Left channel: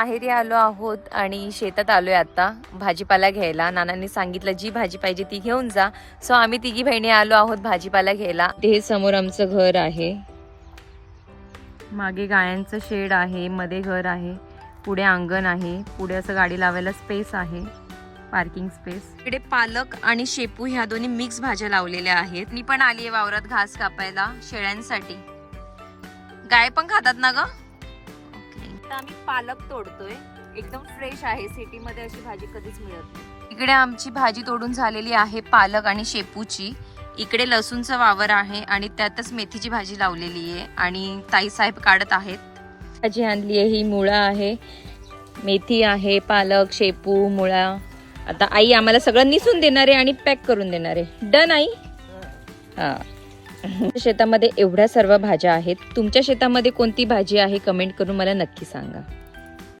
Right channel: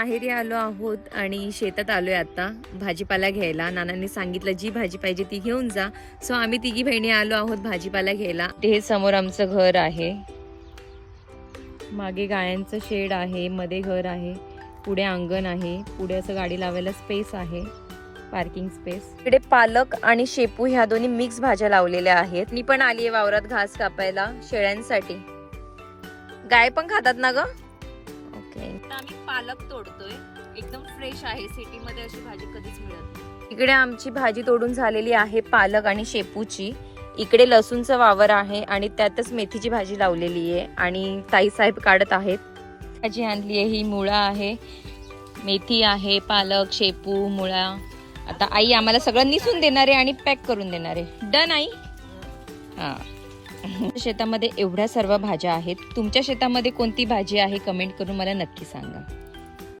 माहेरी आलो आहोत आणि शेतात आलोय आता भाजीपाला घ्यायला. नानांनी सांगितलं जी भाजी पाहिजे ती घेऊन जा. सो आम्ही तिघी बहिणी आलो आहोत भाजीपाला घ्यायला. हे समोर आमचं घर आहे, मागे गायांचं शेड आहे, मध्ये घर आहे, पुढे अंगण आहे, पुढे असं गाडी लावायला स्पेस आहे, पार्किंग स्पेस. इकडे पालक आणि शेपू ह्या दोन्ही मिक्स भाज्या लावलेल्या आहेत. मी पण आलीये वावरात घास कापायला शेळ्यांसाठी. गाय पण खातात ना ग? तर आम्ही पालक तोडतोय, एकदम फ्रेश आहे. सिटी मध्ये अशी भाजी कधीच मिळत नाही. इकडे आमची भाजी तोडून झालेली आहे पालक आणि शेपूची. इकडे लसूणचं वावर आहे आणि त्यातच मेथीची भाजी लावलेली आहे आणि ताई साहेब काढत आहेत. भाजी आणली आहे, ही मुळा आहे, मेथी आहे, पालक, शेपू, मुळा. आता आई आम्हाला सगळं निसून देणार आहे आणि पॅक करून देणार आहे. Done I? हा. शेतामध्ये एवढ्या सर्व भाज्या आहेत. तुमच्या शेतामध्ये कोणती भाजी आहे कमेंट करून मला नक्की सांगा.